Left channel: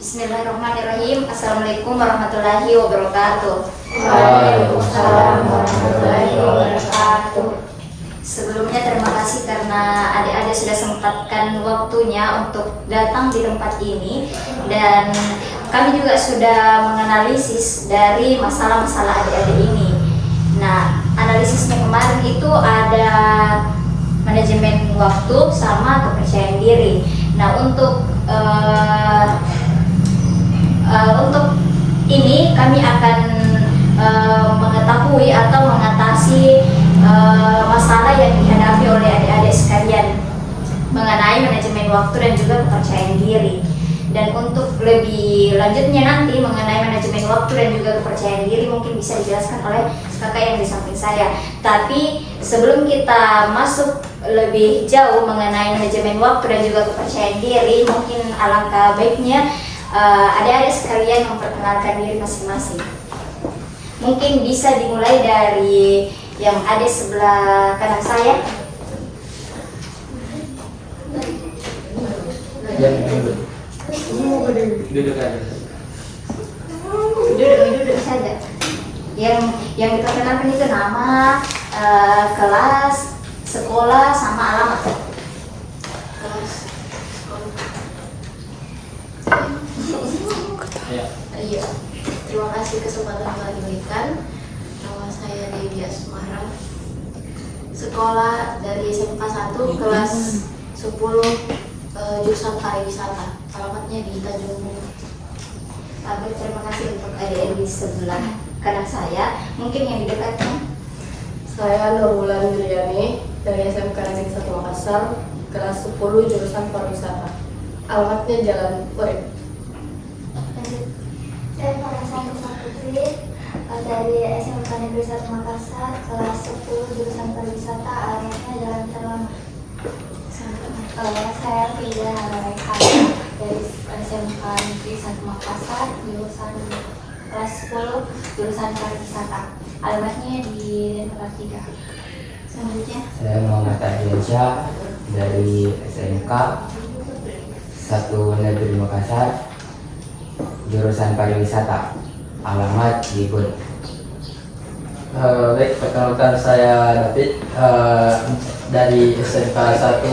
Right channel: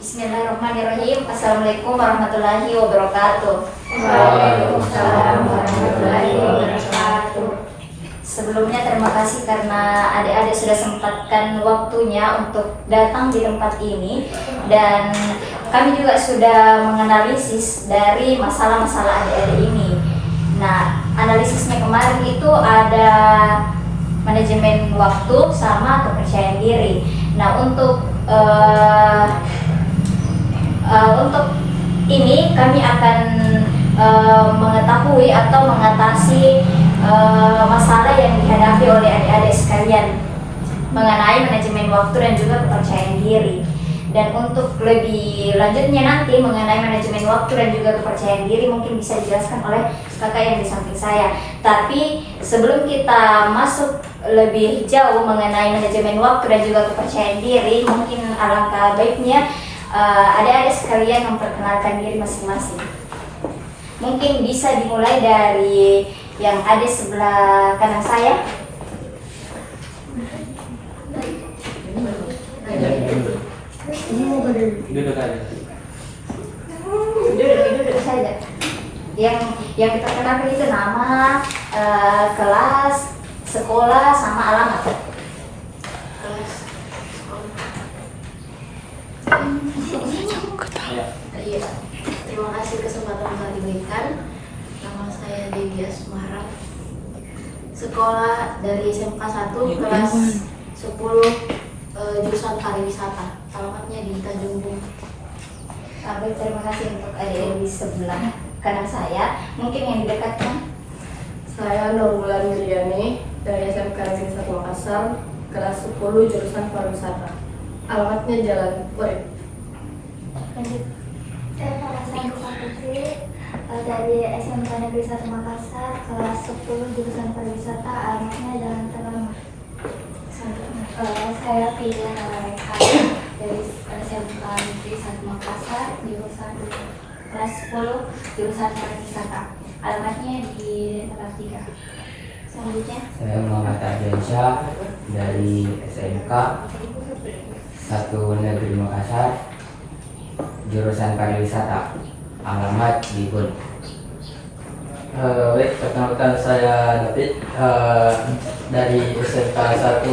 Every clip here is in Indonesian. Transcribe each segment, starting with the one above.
Bismillahirrahmanirrahim. Assalamualaikum warahmatullahi wabarakatuh. Waalaikumsalam warahmatullahi wabarakatuh. Sebelumnya terima kasih karena adik-adik sudah sempatkan waktunya untuk datang di tempat ini, dan kami juga sudah menganalisis dari masalah-masalah adik-adik ini. Nah, analisisnya kemarin itu ada manajemen waktu sama kepercayaan diri. Nah, untuk ini kami akan mengetahui atau mengatasi masalah yang dihadapi oleh adik-adik sekalian mengenai manajemen waktu dan juga kepercayaan diri. Dan untuk lebih lanjutnya nanti mengenai manajemen waktu dan juga kepercayaan diri mungkin bisa dijelaskan oleh kakak yang di samping saya. Tapi sebelum kita masuk lebih jauh mengenai manajemen waktu dan juga kepercayaan diri, mungkin alangkah baiknya adik-adik sekalian memperkenalkan diri masing-masing. Mungkin bisa dimulai dari yang ada sebelah kanan saya. Duduk aja. Duduk saja. Yang diperkenalkan itu nama, kelas, sekolah, sama alamat. Iya, terima kasih kesempatan yang diberikan. Nama saya Devi Asmara. Sekolah dari SMK 1 kelas 10 jurusan pariwisata. Alamatnya di Tanjung Bung. Baik, terima kasih untuk adik-adik di sebelah kanan saya. Mungkin yang di dekatnya. Saya Nurbulan Juliani dari SMK Negeri 1 Makassar, kelas 10 jurusan pariwisata. Alamatnya Jalan Urip. Lanjut. Saya Farhasani Putri dari SMK Negeri 1 Makassar, kelas 10 jurusan pariwisata, alamatnya Jalan Terlam. Saya Pia dari SMK Negeri 1 Makassar, jurusan kelas 10 jurusan pariwisata, alamatnya di Denpasar 3. Selanjutnya, Saya Muhammad Ardiansyah dari SMK 1 Negeri Makassar, jurusan pariwisata, alamat Libun. Baik, perkenalkan saya David dari SMK 1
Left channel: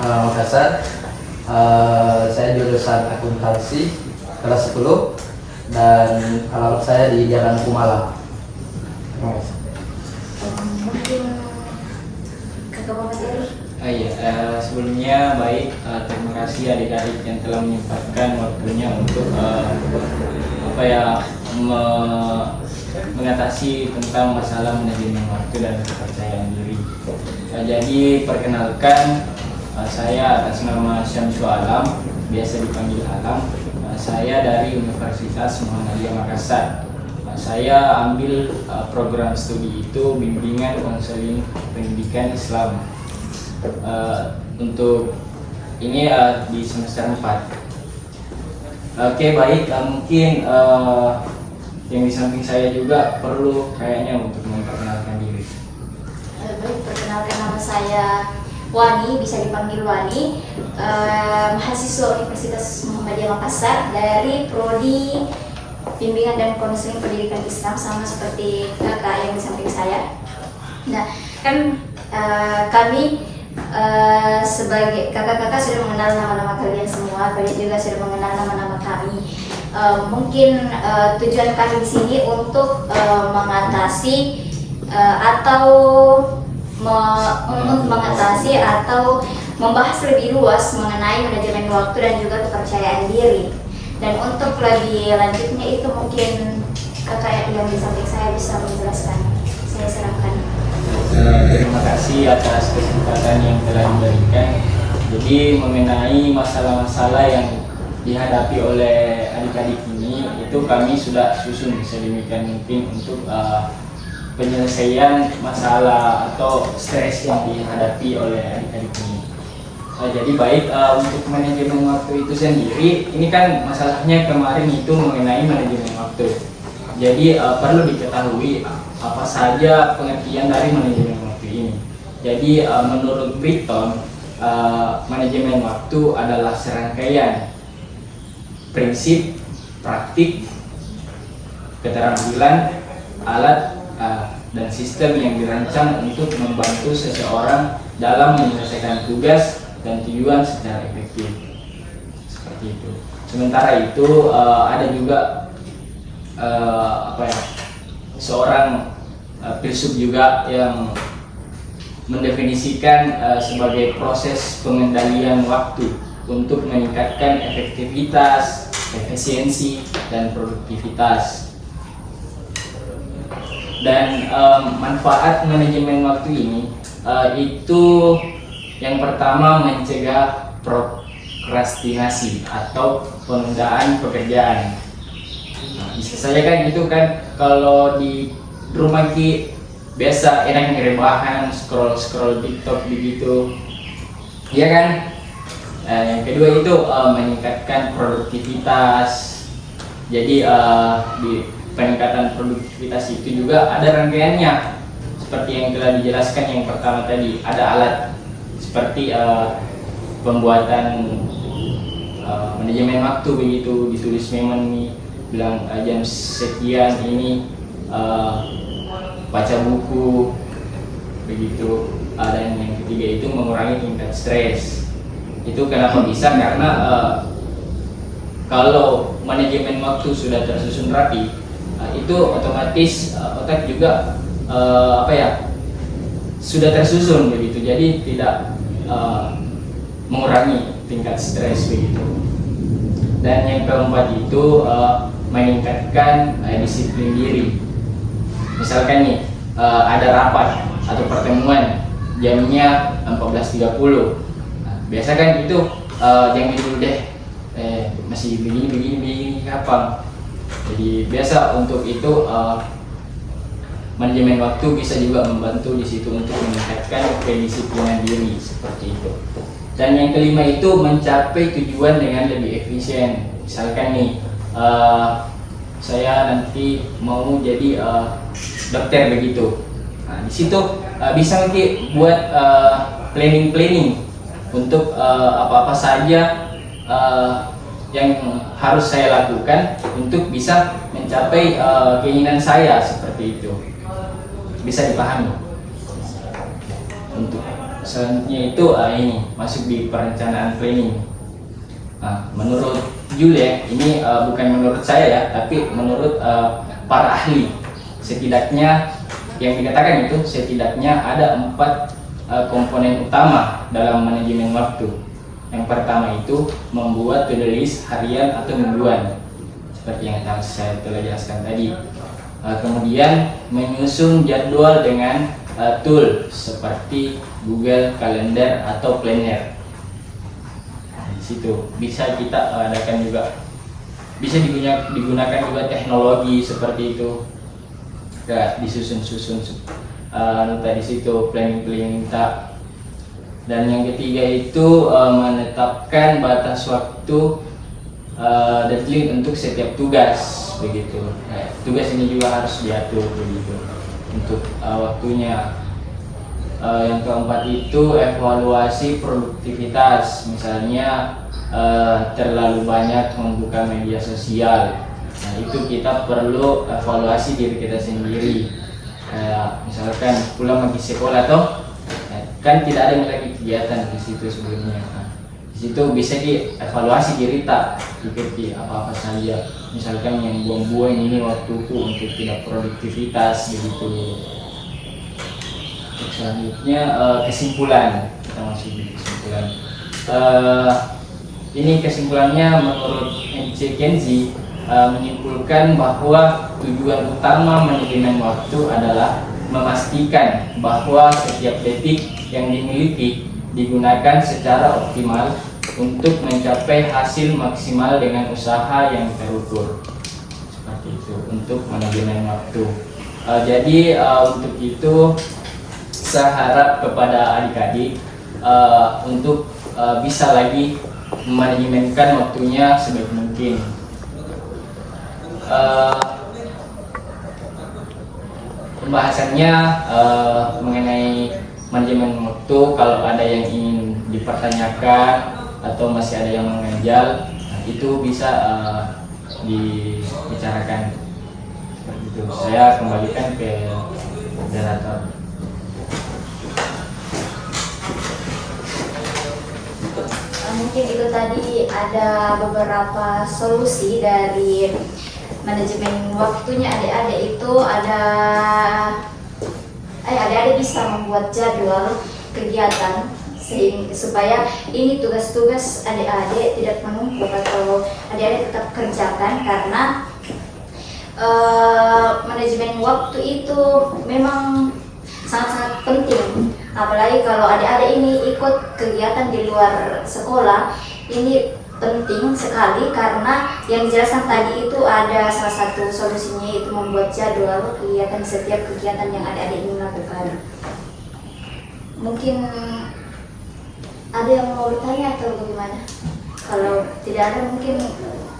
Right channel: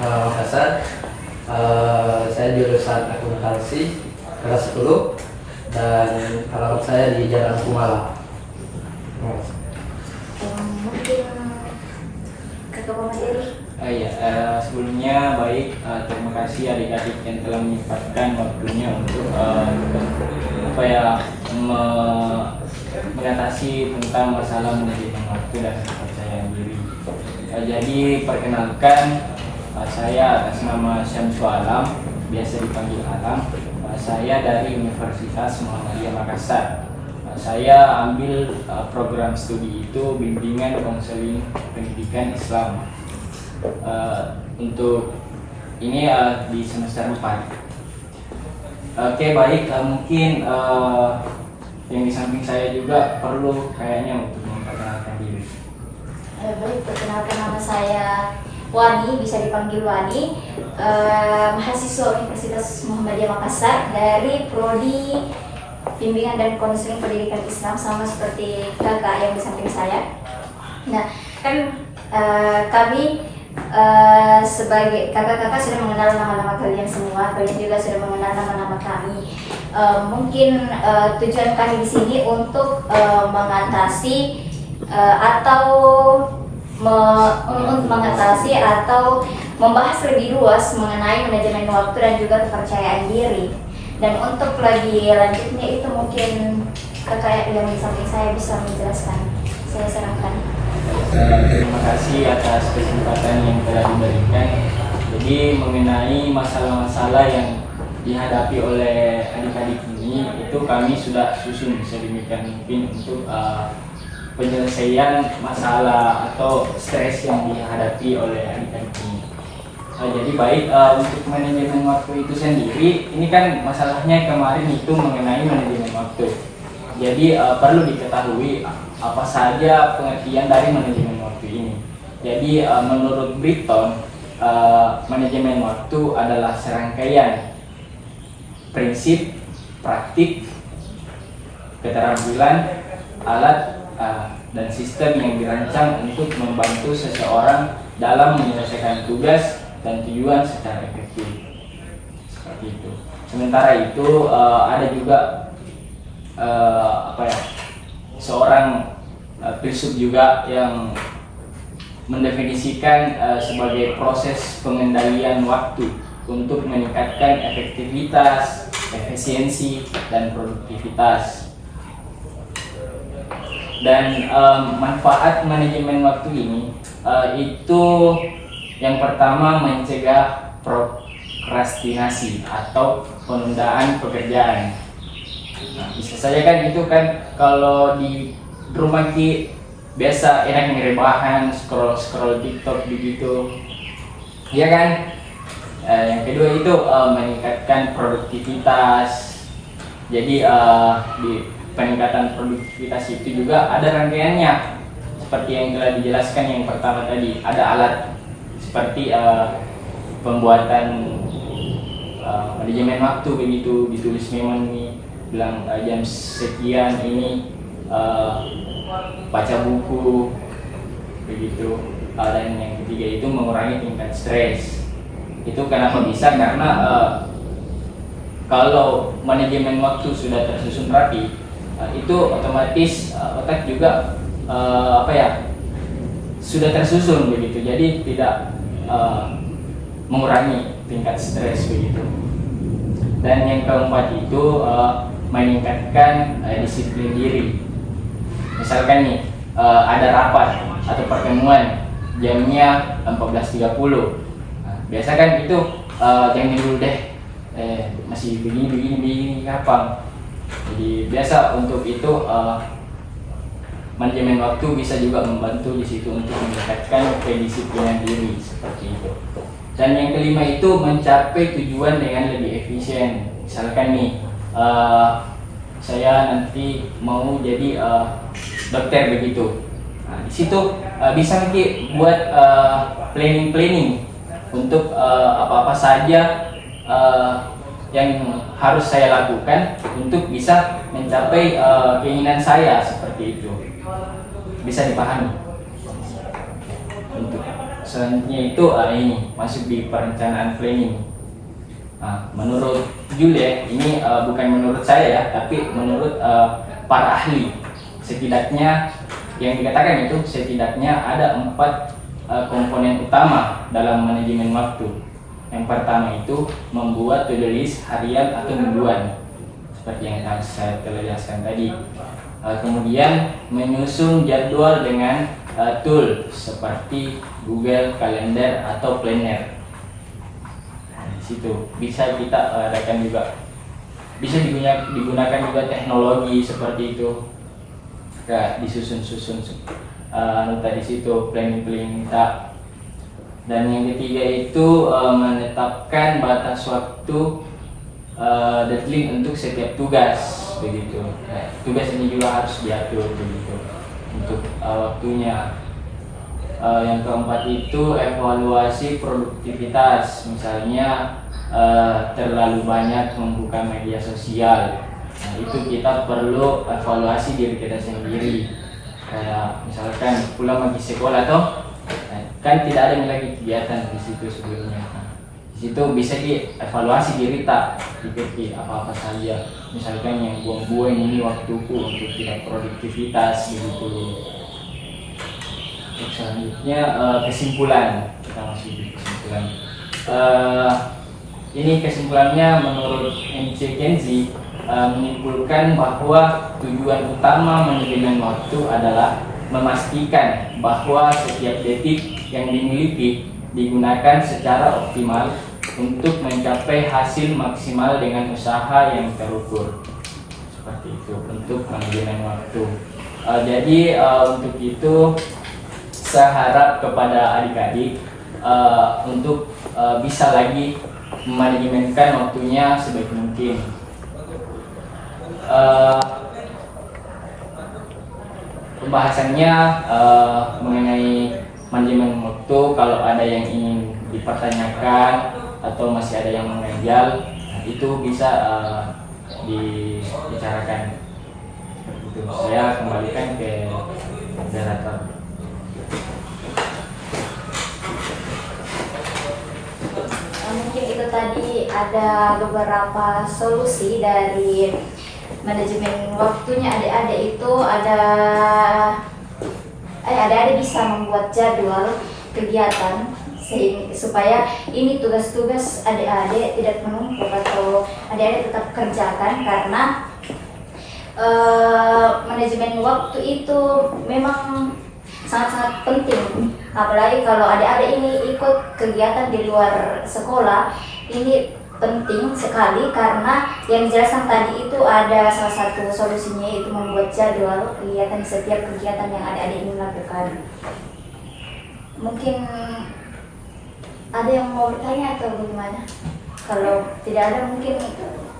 Makassar. Saya jurusan akuntansi kelas 10 dan alamat saya di Jalan Kumala. Terima kasih. Mungkin kakak pemateri. Sebelumnya baik, terima kasih adik-adik yang telah menyempatkan waktunya untuk mengatasi tentang masalah manajemen waktu dan kepercayaan diri. Jadi perkenalkan, saya atas nama Syamsu Alam, biasa dipanggil Alam. Saya dari Universitas Muhammadiyah Makassar. Saya ambil program studi itu bimbingan konseling pendidikan Islam. Untuk ini di semester 4. Oke, baik, mungkin yang di samping saya juga perlu kayaknya untuk memperkenalkan diri. Baik, perkenalkan nama saya Wani, bisa dipanggil Wani, mahasiswa Universitas Muhammadiyah Makassar dari Prodi Bimbingan dan Konseling Pendidikan Islam, sama seperti kakak yang di samping saya. Nah, kan kami sebagai kakak-kakak sudah mengenal nama-nama kalian semua, kalian juga sudah mengenal nama-nama kami. Mungkin tujuan kami di sini untuk mengatasi atau membahas lebih luas mengenai manajemen waktu dan juga kepercayaan diri. Dan untuk lebih lanjutnya itu mungkin kakak yang di samping saya bisa menjelaskan. Saya serahkan. Terima kasih atas kesempatan yang telah diberikan. Jadi mengenai masalah-masalah yang dihadapi oleh adik-adik ini, itu kami sudah susun sedemikian mungkin untuk penyelesaian masalah atau stres yang dihadapi oleh adik-adik ini. Jadi baik, untuk manajemen waktu itu sendiri, ini kan masalahnya kemarin itu mengenai manajemen waktu. Jadi perlu diketahui apa saja pengertian dari manajemen waktu ini. Jadi menurut Britton, manajemen waktu adalah serangkaian prinsip, praktik, keterampilan, alat, dan sistem yang dirancang untuk membantu seseorang dalam menyelesaikan tugas dan tujuan secara efektif. Seperti itu. Sementara itu ada juga seorang filsuf juga yang mendefinisikan sebagai proses pengendalian waktu untuk meningkatkan efektivitas, efisiensi, dan produktivitas. Dan manfaat manajemen waktu ini itu yang pertama mencegah prokrastinasi atau penundaan pekerjaan. Nah, bisa saja kan itu kan kalau di rumah ki biasa enak ngerebahan, scroll TikTok begitu, ya kan? Yang kedua itu meningkatkan produktivitas. Jadi di peningkatan produktivitas itu juga ada rangkaiannya, seperti yang telah dijelaskan. Yang pertama tadi ada alat seperti pembuatan manajemen waktu begitu, ditulis memang nih bilang jam sekian ini baca buku begitu. Dan yang ketiga itu mengurangi tingkat stres. Itu kenapa bisa? Karena kalau manajemen waktu sudah tersusun rapi, itu otomatis otak juga sudah tersusun begitu. Jadi tidak mengurangi tingkat stres begitu. Dan yang keempat itu meningkatkan disiplin diri. Misalkan nih ada rapat atau pertemuan jamnya 14.30. Nah, biasa kan itu jangan dulu deh, masih begini kapan. Jadi biasa untuk itu manajemen waktu bisa juga membantu di situ untuk meningkatkan kedisiplinan diri seperti itu. Dan yang kelima itu mencapai tujuan dengan lebih efisien. Misalkan nih saya nanti mau jadi dokter begitu. Nah, di situ bisa nanti buat planning untuk apa-apa saja yang harus saya lakukan untuk bisa mencapai keinginan saya seperti itu. Bisa dipahami. Untuk selanjutnya itu ini masuk di perencanaan planning. Menurut Julia, ini bukan menurut saya ya, tapi menurut para ahli. Setidaknya yang dikatakan itu setidaknya ada 4 komponen utama dalam manajemen waktu. Yang pertama itu membuat to-do list harian atau mingguan, seperti yang saya telah jelaskan tadi. Kemudian menyusun jadwal dengan tool seperti Google Calendar atau Planner. Di situ bisa kita adakan juga, bisa digunakan juga teknologi seperti itu. Disusun nota di situ, planning tak. Dan yang ketiga itu menetapkan batas waktu deadline untuk setiap tugas begitu. Tugas ini juga harus diatur begitu untuk waktunya. Yang keempat itu evaluasi produktivitas, misalnya terlalu banyak membuka media sosial. Nah, itu kita perlu evaluasi diri kita sendiri. Kayak misalkan pulang lagi sekolah toh, kan tidak ada lagi kegiatan di situ sebelumnya. Di situ bisa dievaluasi diri tak ikuti apa-apa saja. Misalkan yang buang-buang ini waktuku untuk tidak produktivitas begitu. Selanjutnya kesimpulan, kita masuk di kesimpulan. Ini kesimpulannya menurut MC Kenzie menyimpulkan bahwa tujuan utama manajemen waktu adalah memastikan bahwa setiap detik yang dimiliki digunakan secara optimal untuk mencapai hasil maksimal dengan usaha yang terukur. Seperti itu untuk manajemen waktu. Jadi untuk itu saya harap kepada adik-adik untuk bisa lagi memanajemenkan waktunya sebaik mungkin. Pembahasannya mengenai manajemen waktu, kalau ada yang ingin dipertanyakan atau masih ada yang mengganjal, itu bisa dibicarakan. Itu saya kembalikan ke moderator. Mungkin itu tadi ada beberapa solusi dari manajemen waktunya adik-adik itu adik-adik bisa membuat jadwal kegiatan supaya ini tugas-tugas adik-adik tidak menumpuk atau adik-adik tetap kerjakan, karena manajemen waktu itu memang sangat-sangat penting, apalagi kalau adik-adik ini ikut kegiatan di luar sekolah. Ini penting sekali karena yang dijelaskan tadi itu ada salah satu solusinya, yaitu membuat jadwal kegiatan setiap kegiatan yang adik-adik ini lakukan. Mungkin ada yang mau bertanya atau bagaimana? Kalau tidak ada mungkin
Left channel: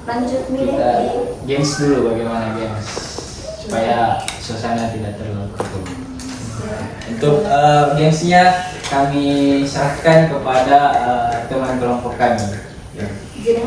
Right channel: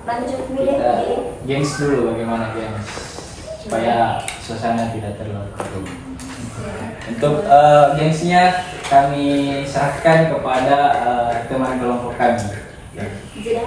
lanjut milih Kita di games dulu, bagaimana games supaya suasana tidak terlalu keruh. Untuk gamesnya kami serahkan kepada teman kelompok kami. Ya. Jadi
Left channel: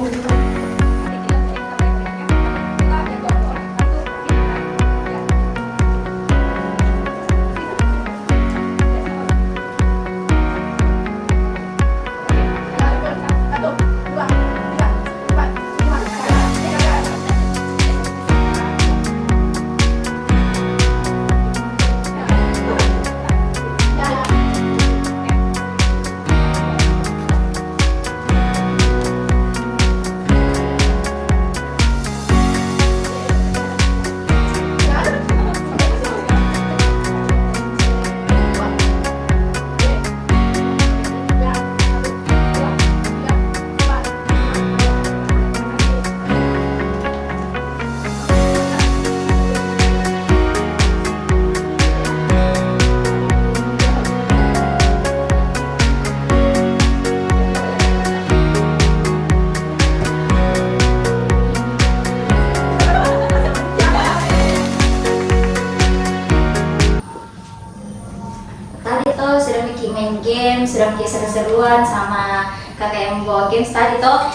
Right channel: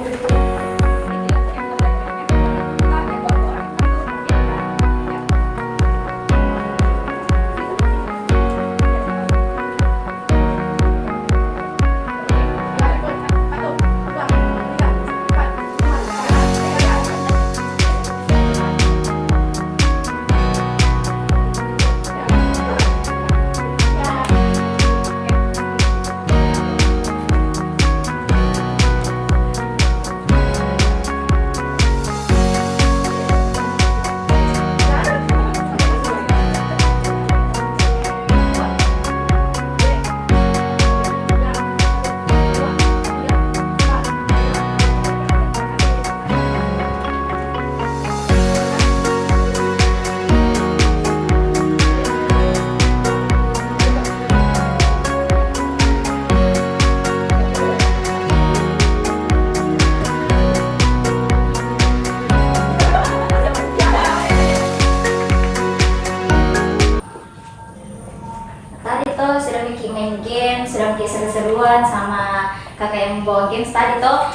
main game, sudah bikin seru-seruan sama kakak yang membawa games tadi toh.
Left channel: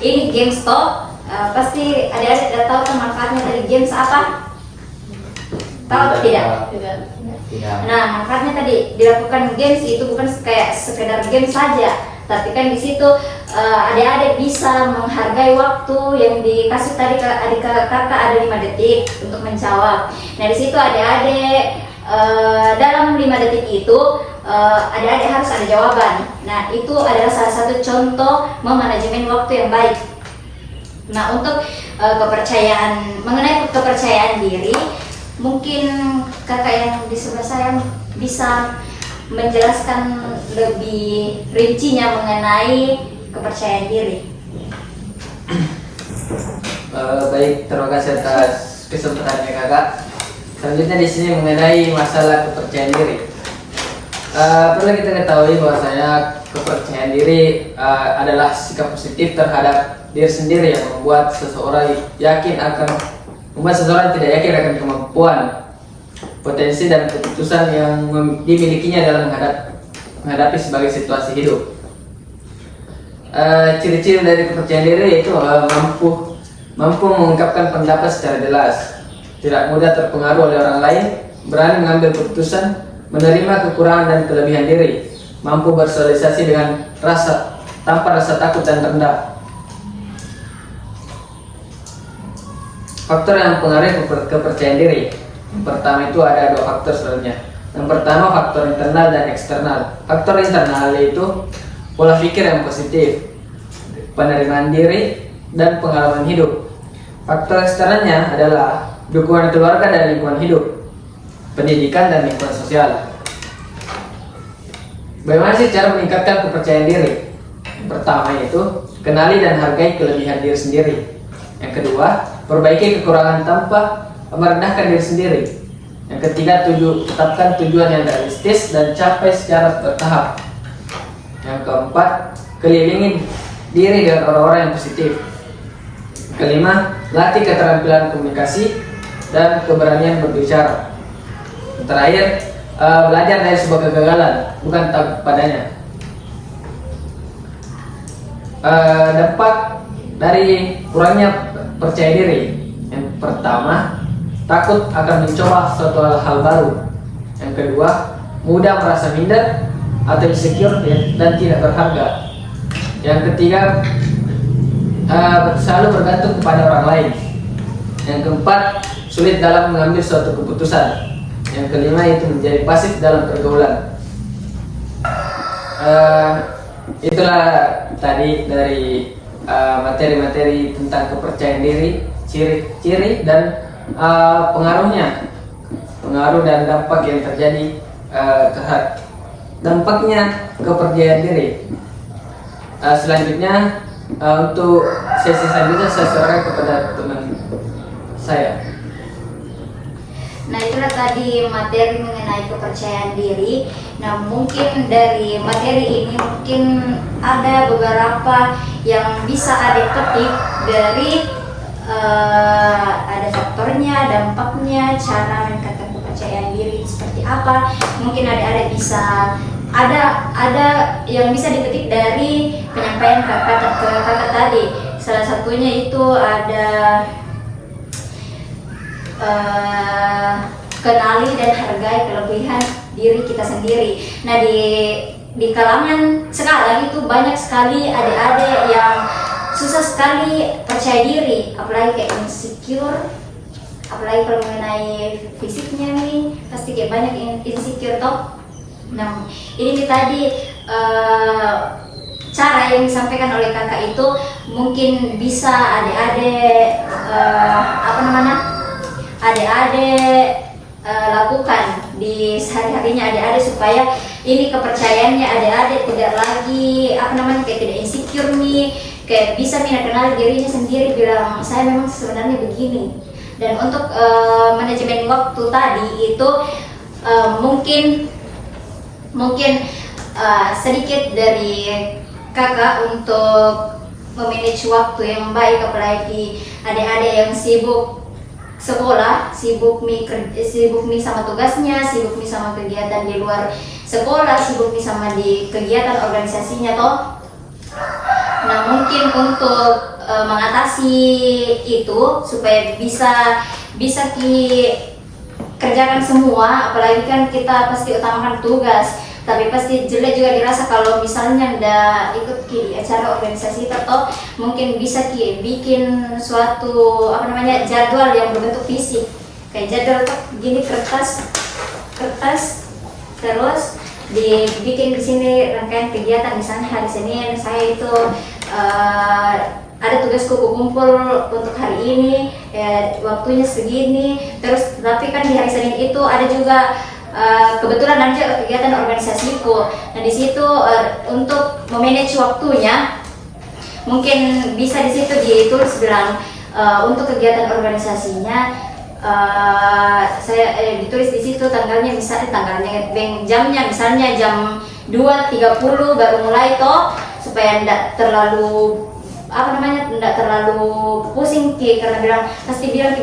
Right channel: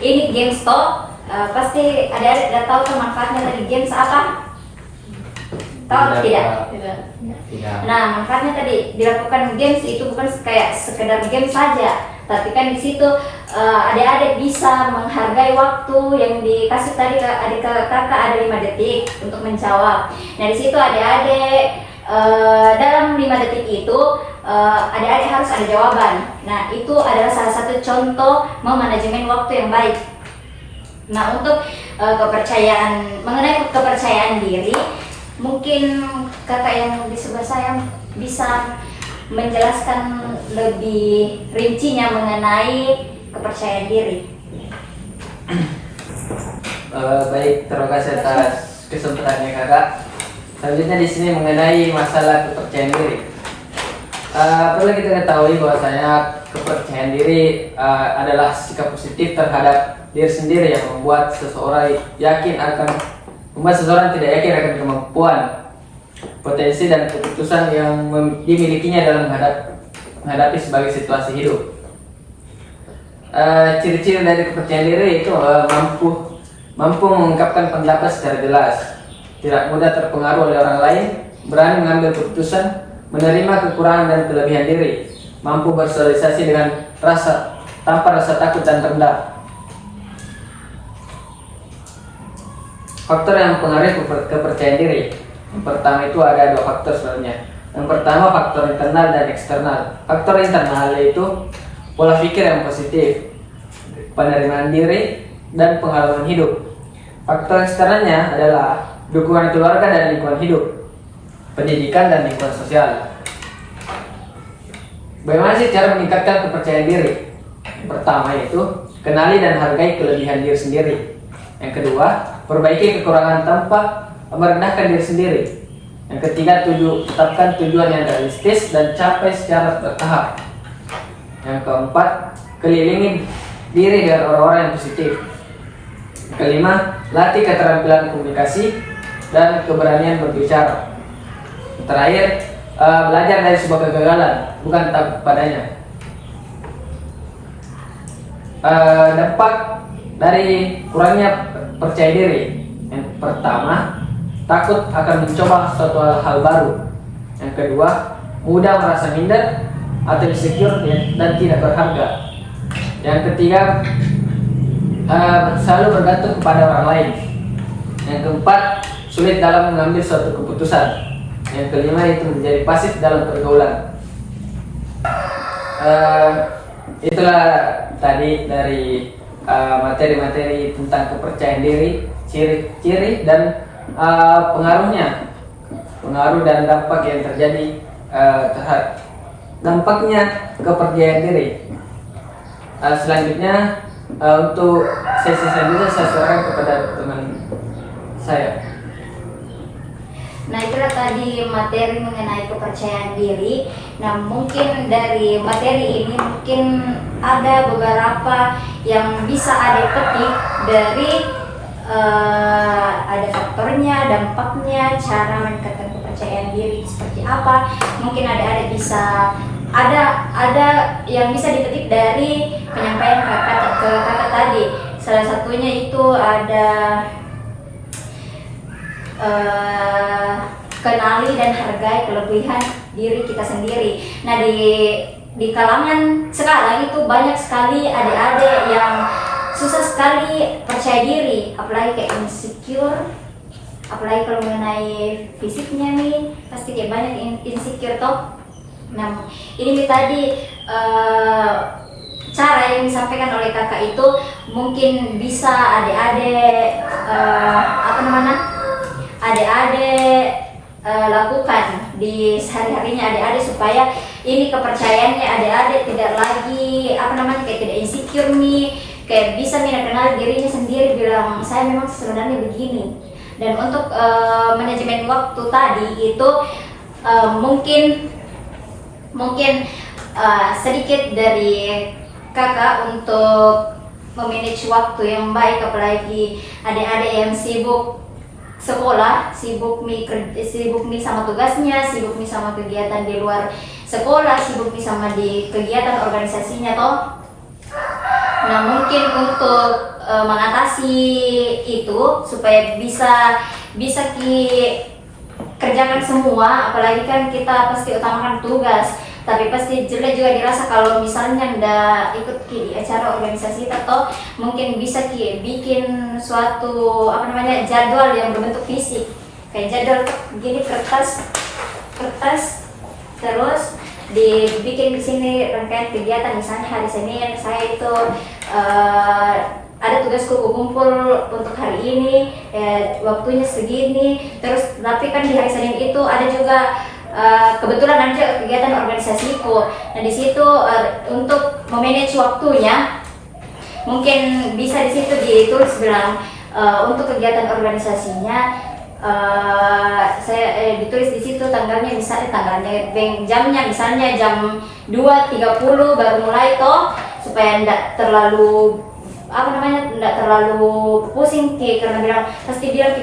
Ini games toh, pasti adik-adik udah tahu kan manfaatnya tadi games apa? Tahu atau tidak? Tidak. Nah, manfaatnya tadi dilakukan games itu bukan kayak sekedar game saja, tapi kan di situ adik-adik bisa menghargai waktu yang dikasih tadi ke adik kakak, ada 5 detik untuk menjawab. Nah, di situ adik-adik dalam 5 detik itu adik-adik harus ada jawaban. Nah, itu adalah salah satu contoh memanajemen waktu yang baik. Nah, untuk mengenai kepercayaan diri, mungkin kakak yang di sebelah saya bisa menjelaskan lebih rincinya mengenai kepercayaan diri. Baik, terima kasih atas kesempatannya kakak. Selanjutnya di sini mengenai masalah kepercayaan diri. Perlu kita ketahui bahwasanya kepercayaan diri adalah sikap positif terhadap diri sendiri yang membuat seseorang tidak yakin akan kemampuan, potensi dan keputusan yang dimilikinya dalam menghadapi sebagai situasi hidup. Ciri-ciri dari kepercayaan diri yaitu mampu mengungkapkan pendapat secara jelas, tidak mudah terpengaruh oleh orang lain, berani mengambil keputusan, menerima kekurangan dan kelebihan diri, mampu bersosialisasi tanpa rasa takut dan rendah. Faktor yang mempengaruhi kepercayaan diri. Yang pertama itu ada 2 faktor sebenarnya. Yang pertama faktor internal dan eksternal. Faktor internal yaitu pola pikir yang positif, penerimaan diri, dan pengalaman hidup. Faktor eksternalnya adalah dukungan keluarga dan lingkungan hidup, pendidikan dan lingkungan sosial. Bagaimana sih cara meningkatkan kepercayaan diri? Yang pertama yaitu kenali dan hargai kelebihan diri sendiri. Yang kedua, perbaiki kekurangan tanpa merendahkan diri sendiri. Yang ketiga, tetapkan tujuan yang realistis dan capai secara bertahap. Yang keempat, kelilingi diri dengan orang-orang yang positif. Kelima, latih keterampilan komunikasi dan keberanian berbicara. Terakhir, belajar dari sebuah kegagalan, bukan takut padanya. dampak dari kurangnya percaya diri. Yang pertama, takut akan mencoba suatu hal baru. Yang kedua, mudah merasa minder atau insecure dan tidak berharga. Yang ketiga, selalu bergantung kepada orang lain. Yang keempat, sulit dalam mengambil suatu keputusan. Yang kelima, itu menjadi pasif dalam pergaulan. Itulah tadi dari materi-materi tentang kepercayaan diri, ciri-ciri dan pengaruh dan dampak yang terjadi terhadap dampaknya kepercayaan diri. Selanjutnya untuk sesi selanjutnya saya serahkan kepada teman saya. Nah, itulah tadi materi mengenai kepercayaan diri. Nah, mungkin dari materi ini mungkin ada beberapa yang bisa ada petik dari ada faktornya, dampaknya, cara meningkatkan kepercayaan diri seperti apa. Mungkin ada bisa ada yang bisa dipetik dari penyampaian kakak tadi. Salah satunya itu ada kenali dan hargai kelebihan diri kita sendiri. Nah, di kalangan sekarang itu banyak sekali adik-adik yang susah sekali percaya diri, apalagi kayak insecure, apalagi kalau mengenai fisiknya nih pasti kayak banyak insecure toh. Nah, ini tadi cara yang disampaikan oleh kakak itu mungkin bisa adik-adik adik-adik lakukan di sehari-harinya adik-adik supaya ini kepercayaannya adik-adik tidak lagi kayak tidak insecure nih, kayak bisa kenal dirinya sendiri, bilang saya memang sebenarnya begini. Dan untuk manajemen waktu tadi itu mungkin sedikit dari kakak untuk memanage waktu yang baik, apalagi adik-adik yang sibuk sekolah, sibuk mi sama tugasnya, sibuk mi sama kegiatan di luar sekolah, sibuk mi sama di kegiatan organisasinya toh. Nah, mungkin untuk mengatasi itu supaya bisa kerjakan semua, apalagi kan kita pasti utamakan tugas, tapi pasti jelek juga dirasa kalau misalnya ndak ikut di acara organisasi atau mungkin bisa bikin suatu jadwal yang berbentuk fisik, kayak jadwal begini kertas terus dibikin di sini rangkaian kegiatan. Misalnya hari Senin saya itu ada tugas kuku kumpul untuk hari ini, waktunya segini. Terus tapi kan di hari Senin itu ada juga kebetulan ada kegiatan organisasiku. Nah, di situ untuk memanage waktunya mungkin bisa di situ ditulis bilang untuk kegiatan organisasinya saya ditulis di situ tanggalnya, jamnya misalnya jam 2.30 baru mulai toh, supaya tidak terlalu pusing karena pasti bilang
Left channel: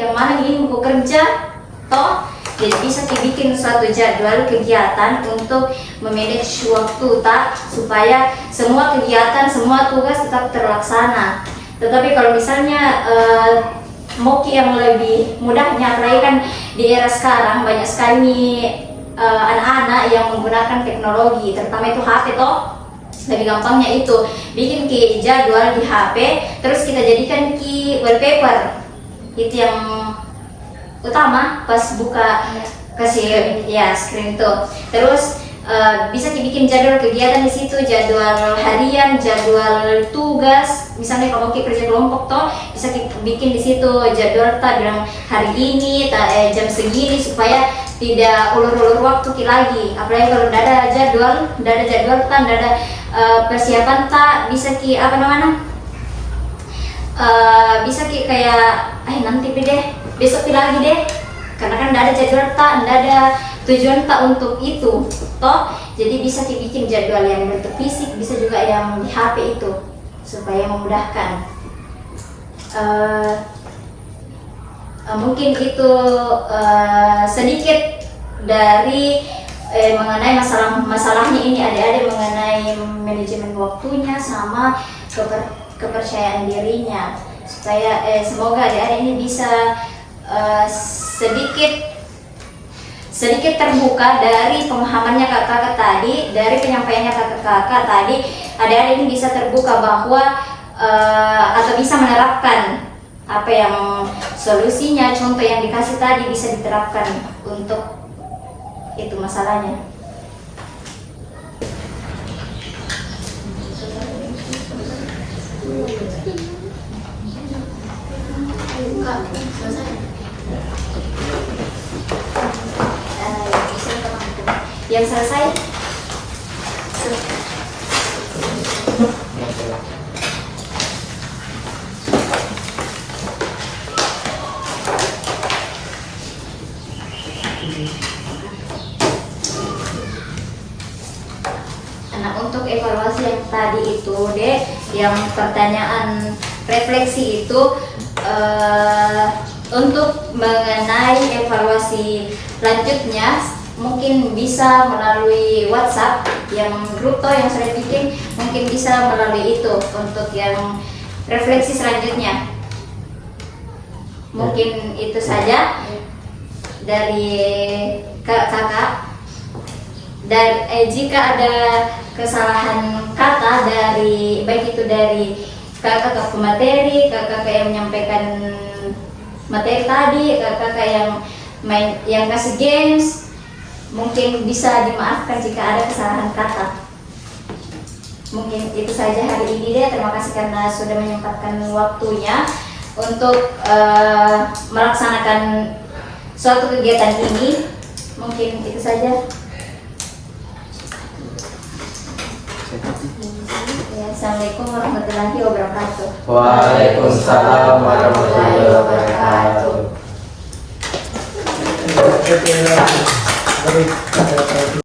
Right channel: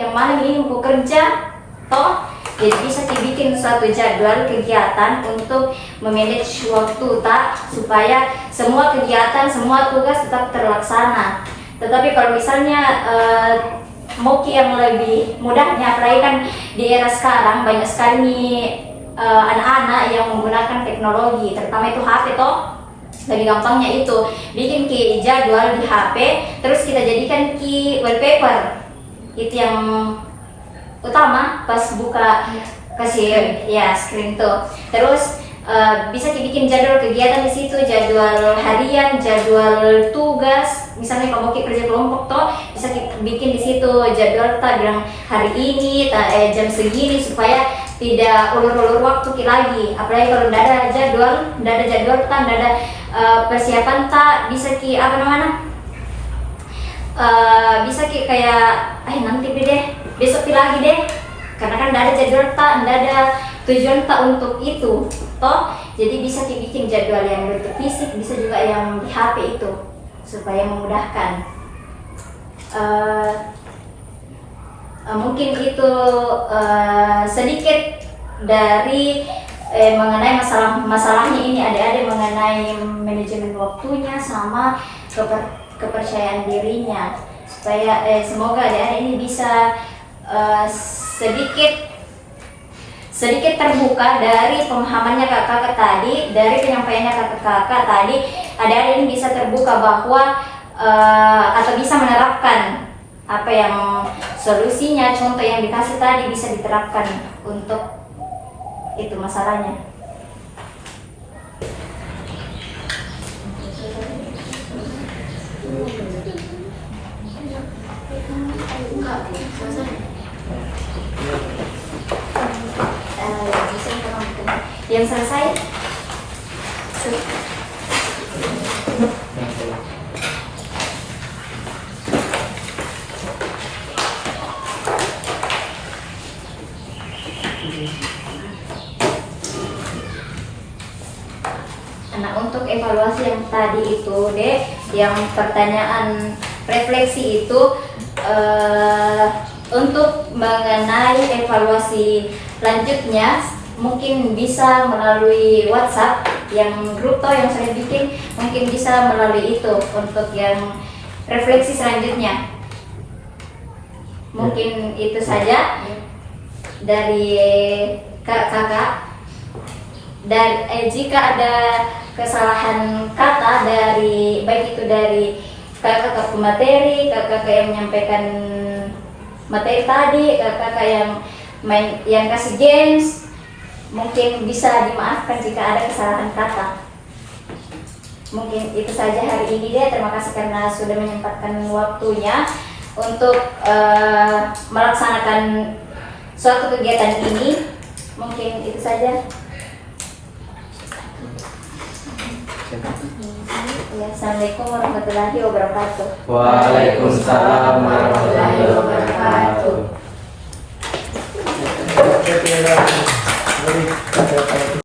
yang mana ini aku kerja toh. Jadi bisa dibikin suatu jadwal kegiatan untuk memanage waktu supaya semua kegiatan, semua tugas tetap terlaksana. Tetapi kalau misalnya mau yang lebih mudahnya, apalagi kan di era sekarang banyak sekali anak-anak yang menggunakan teknologi, terutama itu HP toh. Lebih gampangnya itu bikin jadwal di HP, terus kita jadikan wallpaper. Itu yang utama pas buka kasih screen tuh. Terus bisa dibikin jadwal kegiatan di situ, jadwal harian, jadwal tugas. Misalnya kalau kerja kelompok toh bisa bikin di situ jadwal bilang hari ini jam segini, supaya tidak ulur-ulur waktu lagi. Apalagi kalau tidak ada jadwal, tidak ada persiapan bisa bisa kayak nanti deh, besok lagi deh, karena kan tidak ada jadwal tidak ada tujuan untuk itu toh. Jadi bisa dibikin jadwal yang bentuk fisik, bisa juga yang di HP itu supaya memudahkan. Mungkin itu sedikit dari mengenai masalahnya ini adik-adik mengenai manajemen waktunya sama kepercayaan dirinya, supaya semoga adik-adik ini bisa sedikit terbuka dari pemahamannya kakak tadi, dari penyampaiannya kakak tadi, adik-adik ini bisa terbuka bahwa atau bisa menerapkan apa yang solusinya, contoh yang dikasih tadi bisa diterapkan untuk itu masalahnya. Kak, selesai. Yang selesai. Nah, untuk evaluasi yang tadi itu, Dek, yang pertanyaan refleksi itu untuk mengenai evaluasi lanjutnya mungkin bisa melalui WhatsApp yang grup yang saya bikin, mungkin bisa melalui itu untuk yang refleksi selanjutnya. Mungkin itu saja dari kakak. Dan jika ada kesalahan kata dari baik itu dari kakak ke pemateri, kakak yang menyampaikan materi tadi, kakak yang kasih games, mungkin bisa dimaafkan jika ada kesalahan kata. Mungkin itu saja hari ini deh. Terima kasih karena sudah menyempatkan waktunya untuk melaksanakan suatu kegiatan ini. Mungkin itu saja. Assalamualaikum warahmatullahi wabarakatuh. Waalaikumsalam warahmatullahi wabarakatuh.